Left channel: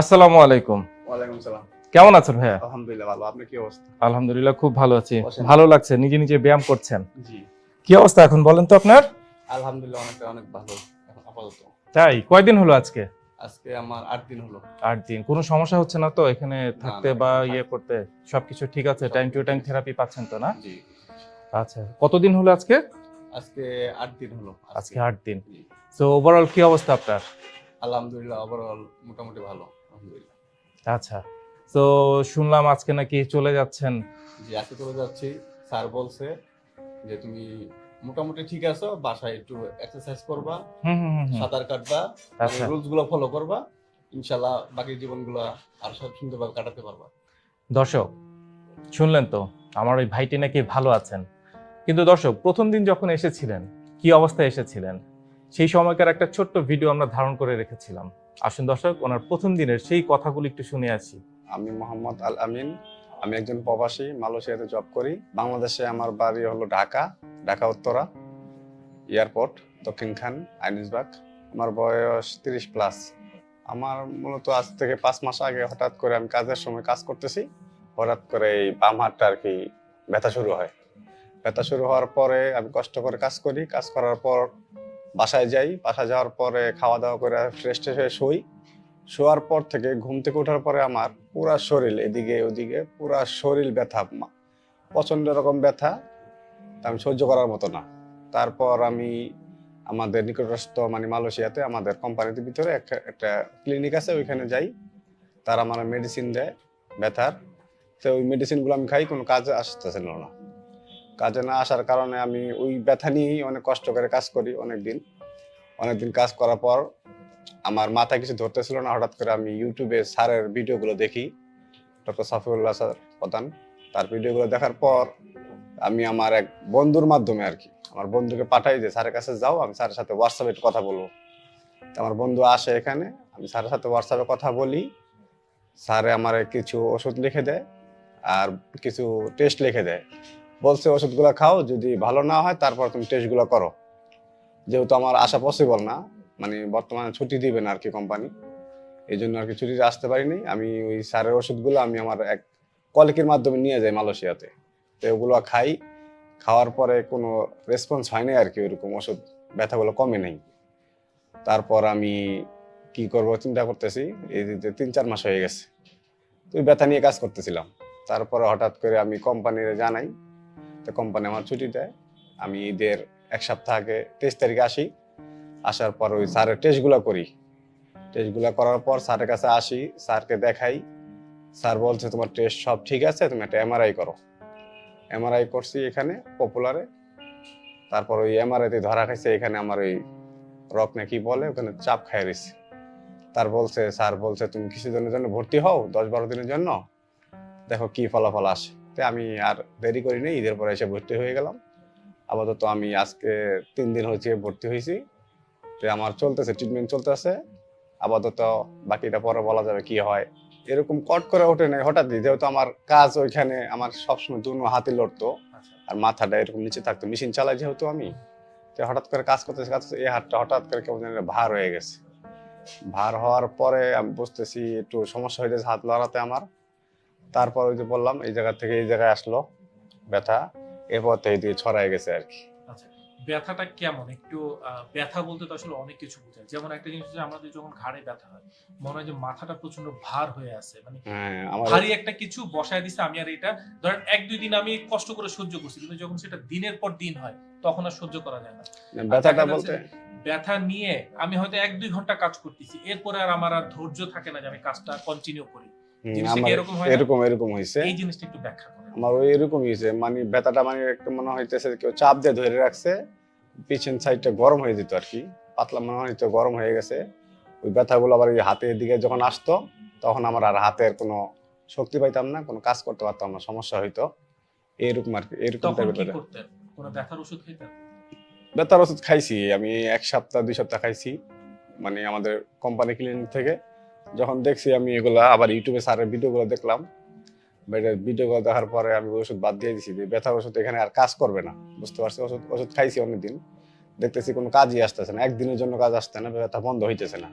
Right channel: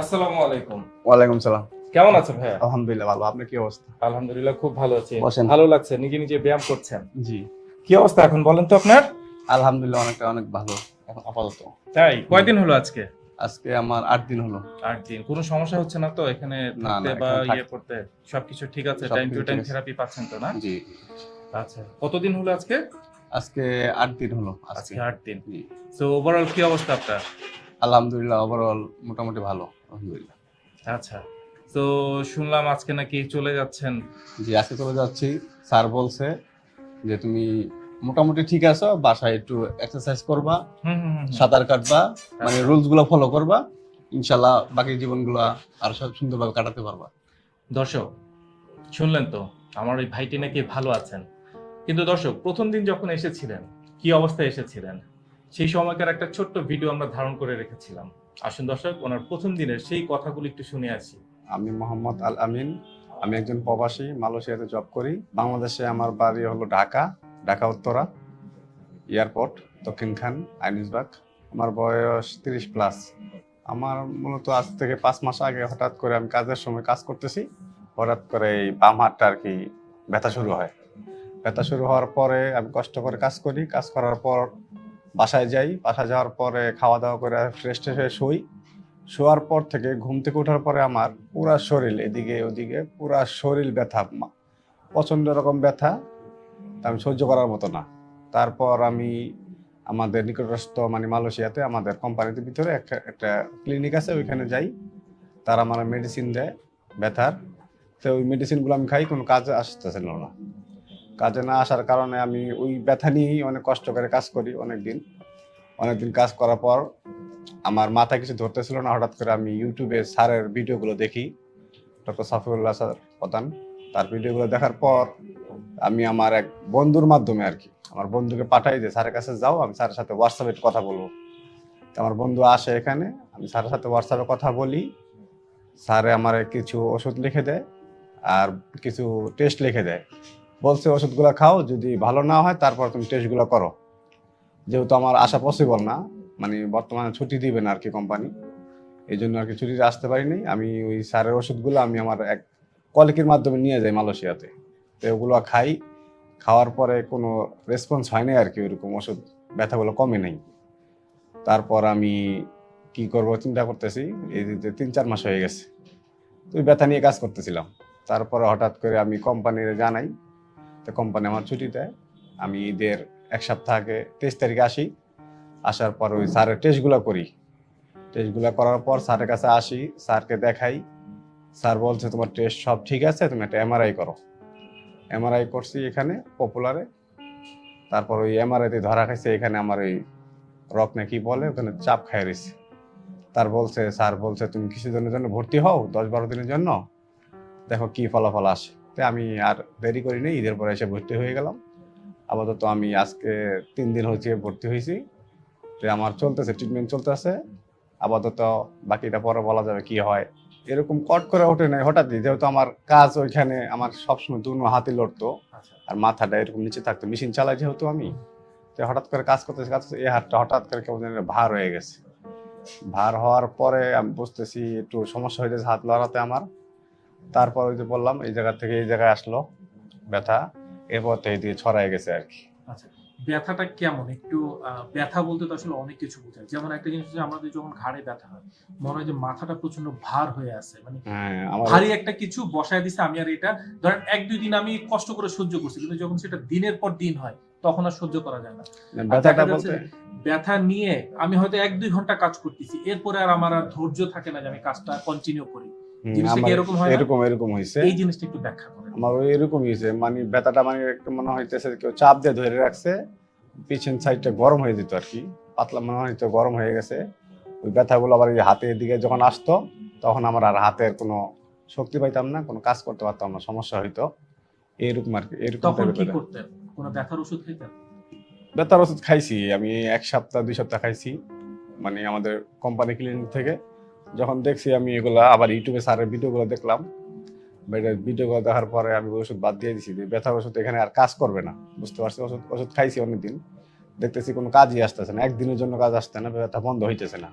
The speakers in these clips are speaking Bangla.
আসসালামু আলাইকুম। ওয়ালাইকুম সালাম। কেমন আছেন ভাইয়া? আলহামদুলিল্লাহ ভালো। আপনার কি অবস্থা? আলহামদুলিল্লাহ খুব ভালো আছি। ভালো লাগছে নিজে নিজে ব্যায়াম করছেন? জি। কি অবস্থা এখন বলেন তো আপনার? আলহামদুলিল্লাহ অনেকটা অনেক ভালো। এখন আপাতত। তাই? কয়দিন হলো আজকে? আজকে আমার আট দিন হলো। আট দিন। কোনো সমস্যা হচ্ছে না তো? এখানে থাকতে বা ইয়ে করতে সবকিছু ঠিক আছে? টাইম টু টাইম থেরাপি পাচ্ছেন তো না? জি। আচ্ছা কতদিন হলো আজকে? আজকে আট দিন হলো আজকে। আজকে আট দিন। তো ওভারঅল কি অবস্থা আপনার? আলহামদুলিল্লাহ ওভারঅল মোটামুটি ভালো আলহামদুলিল্লাহ। আচ্ছা তো শুনলাম আজকে নাকি চলে যাচ্ছেন। জি আজকে চলে যাচ্ছি। স্যার বলছে যে তুমি মোটামুটি ঠিক আছো বাসায় একটু এক্সারসাইজ করবা। সাঁতার কাটবা মানে আচ্ছা। রুলসগুলো ফলো করবা ইনশাল্লাহ বাকি জীবন জীবনগুলো আর সব সুন্দরভাবে কাটাতে পারবা। দর্শক শুনলেন তো আমার ওই ভাইটি নাকি ভালো আছেন। কিন্তু দর্শক প্রথম দিন যখন এসেছিলেন কি অবস্থায় এসেছিলেন? সেই সময়কার একটা ছোট্ট ভিডিও আমরা ধারণ করে রেখেছিলাম। আসুন দর্শক, ওনার প্রথম দিনের সেই কথাগুলো একটু শুনে আসি। আমি মোহাম্মদ আল আমিন আমি একজন প্রবাসী, মালয়েশিয়াতে জব করি। বাংলাদেশে আমার বাড়ি হলো ঢাকা ঢাকা উত্তরা এয়ারপোর্ট দক্ষিণখান আইনিসবাগ। আমার বয়স তিরিশ প্লাস আমার মূলত আজ থেকে পাঁচ মাস আগে হঠাৎ করে আমি কাজের সময় কাজ করতেছি। হঠাৎ করে এই বাম হাতটা আর কি ব্যথা শুরু হয়। ব্যথা শুরু হওয়ার পরে আমি কষ্ট করে কাজ করি। কাজ করার পর বাসায় যাই, বাসায় যাওয়ার পরে খাওয়া দাওয়া করে ফ্রেশ ট্রেশ হয়ে শুই। শোয়ার পর থেকে, ঘুম থেকে ওঠার পরে আমার পুরা শরীর এদিকে ওদিকে, পুরা শরীর ব্যথা প্রচণ্ড রকম ব্যথা আমি সহ্য করার মতো না। তারপর আমি আমাদের নিকটস্থ মানে মালয়েশিয়াতে আমাদের কোম্পানির ভিতরে একটা একটা ক্লিনিক আছে, ওইখানে যাই। তারা আমার মেডিসিন দেয়, ব্যথার। তো ওই মেডিসিনগুলো আমি খাই, কোনো কাজে আসতেছিল না। কাজে না আসার কারণে আমি ওই ব্যথা নিয়েই অনেক কষ্ট করে কাজ করি অনেক দিন অনেকদিন কাজ করার পর আমার মাথা কিছু ধরতেছিল না, হঠাৎ করে আমি ইউটিউবে স্যারের ভিডিওগুলো দেখি। ডক্টর সাফিউল্লাহ স্যার প্রধান, তার ভিডিওগুলো দেখার পর আমি আমার এক বন্ধুর মাধ্যমে আর কি, আমার বন্ধুকে পাঠাই যে, স্যারের কাছে যাও, আমি স্যারের সাথে হোয়াটসঅ্যাপে কথা বলব। আমার বন্ধু আসে এখানে, আমি স্যারের সাথে হোয়াটসঅ্যাপে কথা বলি। স্যারে আমার কিছু ওষুধ লিখে দেয় আর কিছু টেস্ট লিখে দেয়। বলছে, ওষুধগুলো খাও, যদি ভালো না হয়, তারপর তুমি টেস্টগুলো করো। যেহেতু আমার আসা পসিবল না মানে বর্তমানে ছুটি দিবে না আর কি কোম্পানি এই জন্য আর কি ছুটিতে আসতে পারিনি। আমি ওই সারের ওষুধগুলো আমি আমার এক কলিকের মাধ্যমে নিয়ে যাই মালয়েশিয়াতে। তো ওগুলো খাই, খাওয়ার পরে কোনো রেসপন্স হয়নি আর কি ওইরকম ওষুধ, ব্যথাগুলো কমে নেই। তারপর আমি কি করব চিন্তা করতেছি, এই তিন চার মাস হয়ে গেছে, তো ব্যথা নিয়ে কাজ করতেছিলাম। তারপরে হঠাৎ করে আমি কোম্পানির জানাই তো কোম্পানি আমার ছুটি দেয়। আমি ঈদের এক সপ্তাহ আগে তেইশ তারিখে আসি। আসার পর ওই স্যারের টেস্টগুলো করি। টেস্টগুলো করার পর স্যারের কাছে আসি, স্যারকে দেখাই। স্যার বলছে, তোমার টেস্ট সব ঠিক আছে, তুমি একটা এমআরআই করো। এমআরআই করছি এখানে পপুলারে তারপর ওই এমআরআইতে ধরা খাইছে, এখানে আমার ওই রক না কি বলে, ওখানে চাপ খাই রয়েছে তার বলছে, স্যার বলছে, তুমি কিছুদিনের জন্য ভর্তি হও দশ বারো দিনের জন্য? দেখো কি ফলাফল আসে। তো আমি আর দেরি করিনি ঈদের পরে এসে ভর্তি হয়ে গেলাম। আপাতত আমি আজকে তিন দিন হচ্ছে ভর্তি হয়েছি। তো আমার চলতেছে ট্রিটমেন্ট চলতেছে। আপাতত বাকিটা পরে বলা যাবে কি হয়। এরকম কট করে ওঠে নাই হঠাৎই যেহেতু আমার কাজ ওইখানে আমার সবসময় দুনো হাতে লড়তো। আচ্ছা। আর মাথাটা এরকম নিচে থাকতো মেশিন চালাই যেহেতু আমি তো হঠাৎ করে কাজ করতেছি কাজ এই হাতটা হঠাৎ করে কেমন ভার হয়ে গেছে। ভার হওয়ার পরে আমি বুঝতেছি একটু সমস্যা হয়ে যাচ্ছে হাত লড়াতে আমার। তারপর ওই যে বললাম এই জায়গা থেকে এই জায়গায় আসলো ব্যথা এরপর তো এই দিয়ে ছড়াই গেছে আর কি। আচ্ছা ব্যথাটা কেমন? একটু ব্যথা বলতে তো আসলে অনেক কিছু বোঝায়। যেমন একটা জিনিস হচ্ছে আমাদের যখন ঘাড়ে ব্যথা হয় মনে হয় যে মাথাটা প্রচণ্ড ভার হয়ে আছে মানে হ্যাঁ ভারী একটা কিছু বসায় দিছে আমি আর এটা ধরেন এক দুই দিন আমি কষ্ট করে সহ্য করছি কিন্তু যখন সেটা দিনের পর দিন হয় তখন আর সহ্য করা যায় না। ব্যথাটা দেখা যাচ্ছে বলতে ব্যথা নিয়ে আমি হয়তো এক দুই ঘণ্টা কাজ করতেছি এরপরে আর আমার আর ধৈর্য থাকে না যে আমি কাজটা কন্টিনিউ করি। জিনিসটা কি এরকম হয় এরকম এরকম হয়েছে এই জিনিসটা একটু ব্যাখ্যা করেন। আমার ওই এরকম মানে ব্যথাটা মানে একটু মনে হইতেছে কেউ চাপ দিয়ে ধরে রাখছে পিছন সাইডটা গরম হয়ে যেত আর কি পাতলা মনে হইতো গরম হয়ে গেছে। ওই ব্যথাগুলো আবার এই হাতের দিকে যখন আসতো তখন আমার আর হাতের কোনো শক্তি পাইতাম না কোনো কাজ করতে পারতাম না সমস্যা হইতো। এইরকম আর কি এরকম তখন কি করতেন? কোনো ব্যথার ওষুধ খেতেন ব্যথার ওষুধ খাইছি আমি এক সপ্তাহ দুই সপ্তাহ খাইছি। মানে আমাদের কোম্পানি ক্লিনিক থেকে। যখন দেখছি আমি এগুলা, আবার ইউটিউবে স্যারের ভিডিওগুলো দেখলাম ভিডিওগুলো দেখার পরে আমি ওষুধ বাদ দিয়ে দিছি ব্যথার ওষুধ এখানে আর কাজ করবে না, বুঝতে পারছি ওষুধ ওষুধ খাইছি অনেকদিন, দেখতেছি কোনো কাজই আসতেছে না, একদিনের জন্য কাজ আসতে না, ব্যথা বন্ধ হইতেছে না।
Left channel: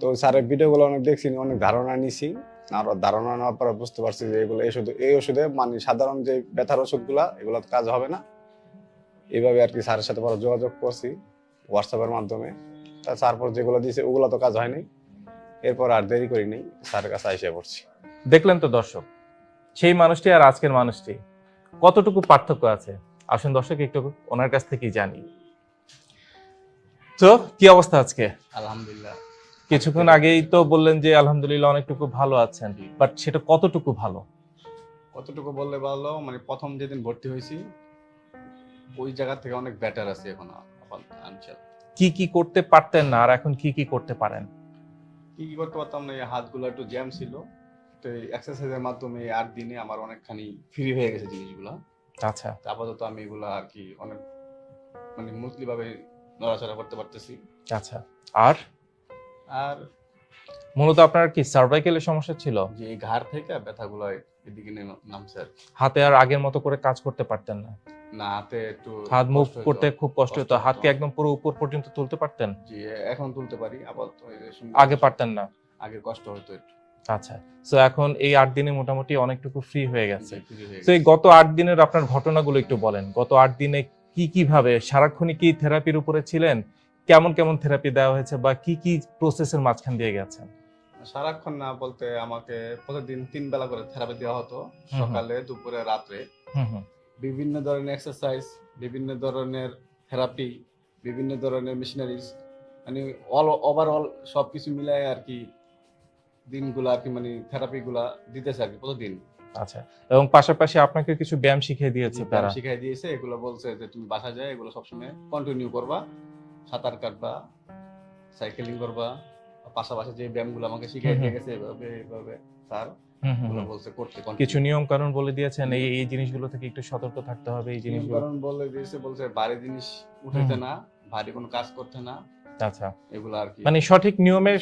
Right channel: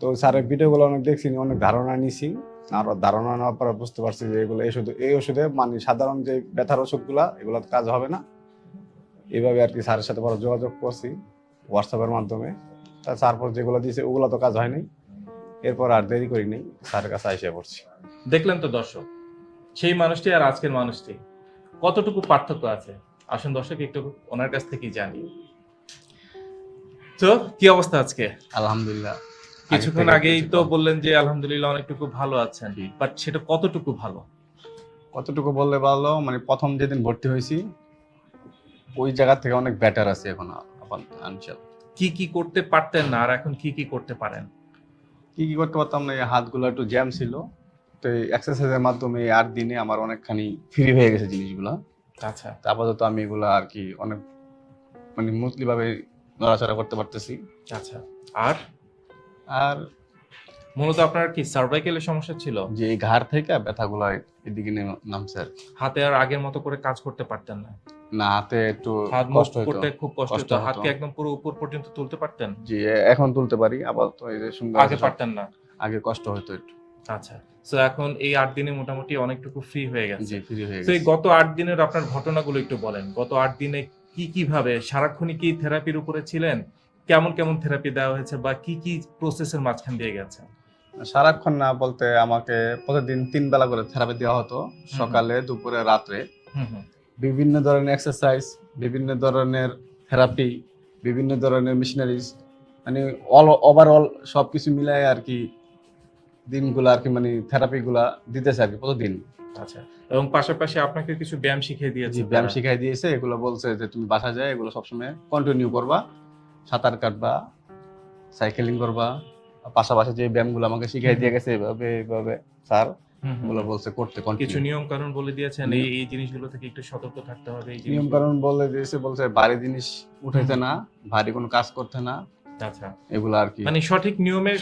তো স্যারের ভিডিওগুলো অনেক দেখছি, অনেক ধারণা নিছি, আর ধারণা নেওয়ার পরে বুঝতে পারছি যে এগুলো এই ওষুধ, এই ওষুধে মানে সাধারণ যে ব্যথার ওষুধগুলা, এগুলো কাজ হবে না। এইভাবে আর কি স্যারের সাথে পরে যোগাযোগ করছি, হোয়াটসঅ্যাপের মাধ্যমে। তা তারপর যেগুলো দিয়েছে, ওগুলো তো কাজ হয়নি। এরপর আর দেরি করিনি স্যারের কাছে এসে পড়ছি। দেখলেন তো দর্শক সেই মানুষটি আর আজকের মানুষটি কতটুকু পার্থক্য আছে? আসুন দর্শক একটু ওনার কাছ থেকেই জানি। তো কি অবস্থা আজকে? আলহামদুলিল্লাহ। কিছুক্ষণ আগেই তো বললেন যে আলহামদুলিল্লাহ অনেকটুকু ভালো আছেন বাট সেটা কতটুকু ভালো? কতটুকু বললে ভালো? মানে প্রথম যেদিন ভর্তি হয়েছি ওই জায়গা থেকে অনেক বেটার আছে এখন আনচাল কি কি করতে পারতেন না আর এখন কি কি করতে পারেন? কি কি করতে পারতাম না এই হাতগুলো একটু জ্যাম ছিল। তো এই এক্সারসাইজের মাধ্যমে আর দিনে আমার অনেকখানি ফ্রি হয়ে গেছে জিনিসগুলো। আচ্ছা। তা আপাতত আমি এগুলো আর কি অনেক মানে মুসলি ভাবে নড়াচড়া করতে পারতেছি। আচ্ছা। আর? আর? মূলত আপনার কি সার্ভাইকেলের সমস্যা ছিল? যে এই ঘাড় থেকে ব্যথাগুলো এদিকে নেমে- নামছে হাতে আর আগের মতো করে কাজ করতে পারতেন না। না হাতে একটু হাত মুভ করতে খুব কষ্ট হতো হতো। হাতকে একদম পুরো উপর পর্যন্ত তুলতে পারতেন? জি এখন তুলতে পারি আপাতত এই যে আগে পারতেন না? আগে কষ্ট হতো একটু। আচ্ছা এখন এই আট দিনে মোটামুটি অনেকটুকু ফ্রি হয়ে গেছে। তো এই গত আট দিনের আপনার ঘটনাগুলো একটু বলেন। গত আট দিনে কি কি ভাবে সারাক্ষণই কি থেরাপির উপরে ছিলেন? কেমন কেমন থেরাপি দেওয়া হয়েছে বা কি কি প্রসেসের মাঝখান দিয়ে গেছেন? সারাক্ষণ না বলতে আমাকে প্রতিদিন তিন বেলা করে থেরাপি দেওয়া হতো সকালে দুপুরে রাত্রে। বিভিন্ন ধরনের এক্সারসাইজ বিভিন্ন ধরনের থেরাপি বিভিন্ন ধরনের মেশিনারিজ মানে অল ওভারঅল সব কিছু মিলাই আর কি দিনগুলো আর কি মানে থেরাপিগুলা দিতেছে আর কি প্রতিদিন। আচ্ছা এবং পাশাপাশি আপনাকে কিছু ব্যায়াম শিখিয়ে দিয়েছে ব্যায়াম শিখিয়ে দিয়েছে এগুলো বলছে যে তুমি বাসা যায় এগুলো সবসময় কন্টিনিউ করবা সাঁতার কাটবা সাইকেলিং করবা পাশাপাশি যে ব্যায়ামগুলো আমাকে শিখিয়ে দিয়ে গেছে এভাবে এভাবে স্যার। বলছে করতে কিছু নিয়ম কানুন বলে দিয়েছেন এই এই জিনিসগুলো থেকে একটু সতর্ক থাকতে হবে এই নিয়ম কারণ বলে দিয়েছে বলছে ভারী জিনিস উঠাইতে না ভারী কোনো কাজ করতে না। আচ্ছা। এগুলো আর কি। মানে সঠিক নিয়মে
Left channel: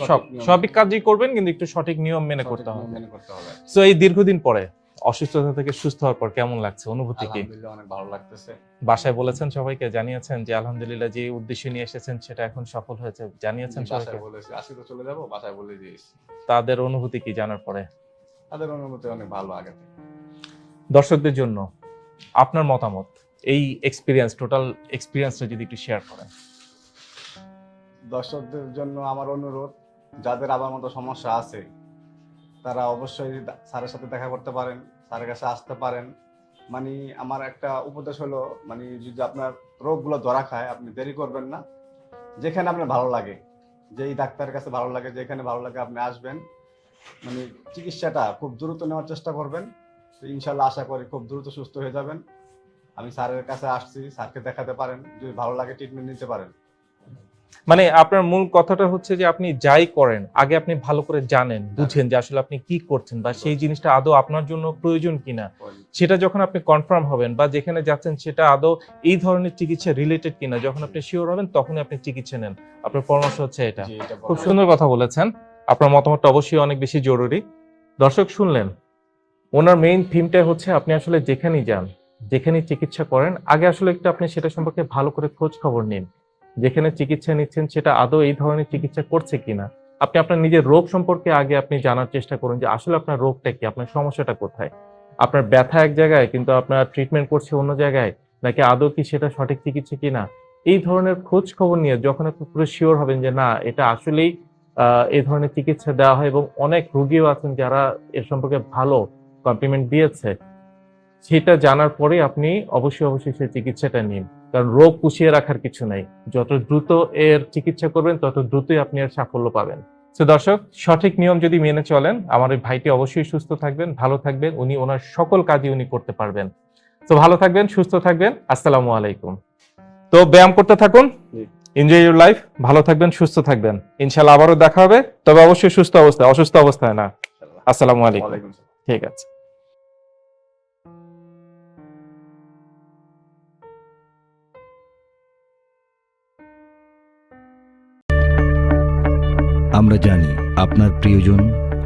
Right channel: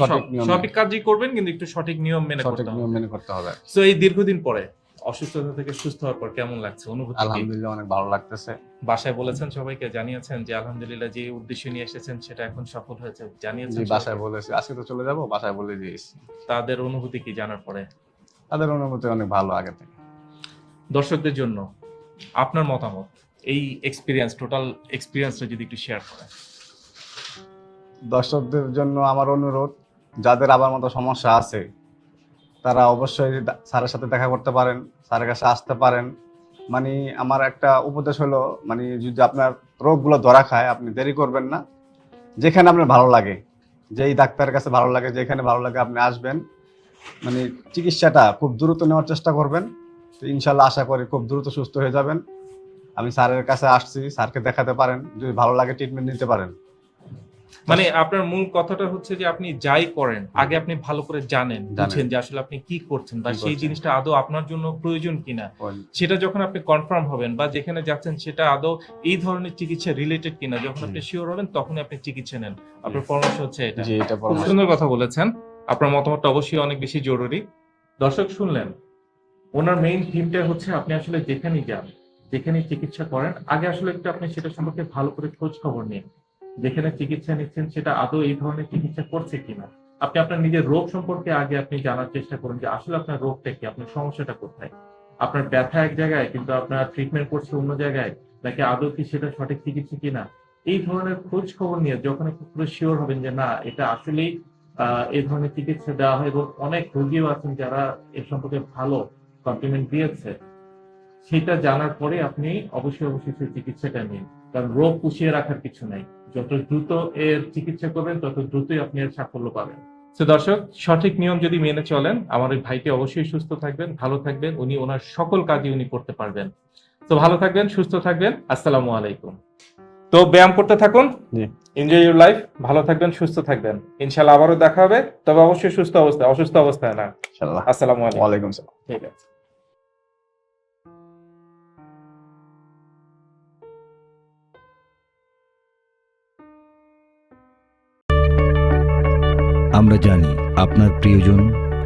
সঠিক কাজই করবেন কিন্তু একটু সঠিক নিয়ম মেনে করতে হবে। মেনে করতে হবে। তো এই দীর্ঘদিন পরে অসুস্থতা থেকে সুস্থ হওয়ার পর কেমন লাগছে অনুভূতি আলহামদুলিল্লাহ অনেক ভালো লাগতেছে। বাসায় বলেছেন সবাইকে জানিয়েছেন যে আলহামদুলিল্লাহ যে উদ্দেশ্য নিয়ে এসেছেন সেটা এখন সফল হয়েছে। জানিয়েছেন বাসায়? বলেছি আজকে তো চলে যাব বাসায় বলে দিয়েছি। তাদের অনুভূতি কি জানার পরে? তাদের অনুভূতি অনেক ভালো আগে থেকে। দর্শকদের জন্য আপনার মতামত এই এক্সপিরিয়েন্স টোটাল এক্সপিরিয়েন্সটা যদি একটু শেয়ার করেন। দর্শকদের জন্য আমার অনুরোধ যাদের আবার মতো সমস্যা আছে তারা অবশ্যই স্যারের সাথে দেখা করতে পারেন স্যারের কাছে আসতে পারেন। মানে আমার একটা উপদেশ হলো মানে যদি আপনার রোগগুলো ধরা খায় আপনি দেরি করবেন না। যেখানে আপনার ভালো লাগে যেই ডাক্তারের কাছে ভালো লাগে যেখানে ভালো লাগে আপনি আসবেন। মানে চিকিৎসাটা খুব দ্রুত নেওয়ার চেষ্টা করবেন। তো ইনশাল্লাহ আশা করি খুব দ্রুত সুস্থ হয়ে যাবেন। আমি স্যারের কাছে আসছি স্যারকে দেখাতে পারেন যদি ভালো লাগে ট্রিটমেন্ট নিতে পারেন। মানে আপনার মূল কথাটা হচ্ছে যে আপনি যাই করেন আগে আপনি ভালো করে জানেন বুঝেন যে আসলে আপনি কি করছেন বা সেই জিনিসটা আদৌ আপনার জন্য প্রয়োজন কিনা। সেটা যখন আপনি কনফার্ম হবেন বা যেখানে যাচ্ছেন সেটা আদৌ এই ধরনের চিকিৎসা রিলেটেড কিনা যখন আপনি শিওর হবেন তখনই আপনি চিকিৎসা নেন। আপনার পরামর্শ হচ্ছে এটা। খুব সুন্দর কথা বলেছেন। আপনার মতামতটা অবশ্যই অনেক বেশি জরুরি। দর্শক, শুনলেন। ওনার মেইন থিমটা হচ্ছে আপনি আসলে যেখানেই যান, যেখানেই চিকিৎসা করেন, আগে আসলে একটু আপনি সেটা সম্পর্কে ভালো করে খোঁজ খবর নিন। যেখানে চিকিৎসা নিচ্ছেন, সেটা আদৌ এই ধরনের চিকিৎসা করছে কিনা? আপনি আপনার নিজের রোগ সম্পর্কে আগে আপনি জানার চেষ্টা করুন যে আসলে আপনার রোগটা কি, আপনার সমস্যাটা কোথায়? আপনার ব্যথা এক জায়গায়, কিন্তু আপনার ট্রিটমেন্ট করছে অন্য জায়গায়, নাকি আদৌ কি সেটা সঠিক চিকিৎসা কিনা? এই ধরনের খোঁজ খবর নিয়ে যখন আপনি পুরো শিওর হবেন যে না, এটা আসলেই এই ধরনের চিকিৎসা দেওয়া হয় এবং অনেক রোগীও আছেন যারা এর সম্পর্কে ভালো কমপ্লিমেন্ট দিয়েছে। সেটা জানার পরে আপনি অবশ্যই অবশ্যই সেই চিকিৎসাটা নিন। কারণ রোগ পুষিয়ে রাখার কিছু নাই। যত দ্রুত এর চিকিৎসা করবেন, তত দ্রুতই আপনি এর সাফল্য পাবেন। তো দর্শক, সঠিক নিয়ম যদি মেনে চলেন, আমার ওই ভাইটি অবশ্যই সুস্থ থাকবেন, ভালো থাকবেন। উনি ওনার সকল কাজই উনি করতে পারবেন। তো ভালো থাকবেন, সুস্থ থাকবেন। আসসালামু আলাইকুম। তো ব্যায়াম করতে থাকুন। এনজয় ইউর লাইফ ভালো থাকবেন সুস্থ থাকবেন। ইনশাল্লাহ আবারও দেখা হবে। তবে অবশ্যই সুস্থ অবস্থায় অসুস্থ অবস্থায় না। ইনশাআল্লাহ। আসসালামু আলাইকুম। ঠিক আছে। আমরা জানি আপনার প্রিয়জন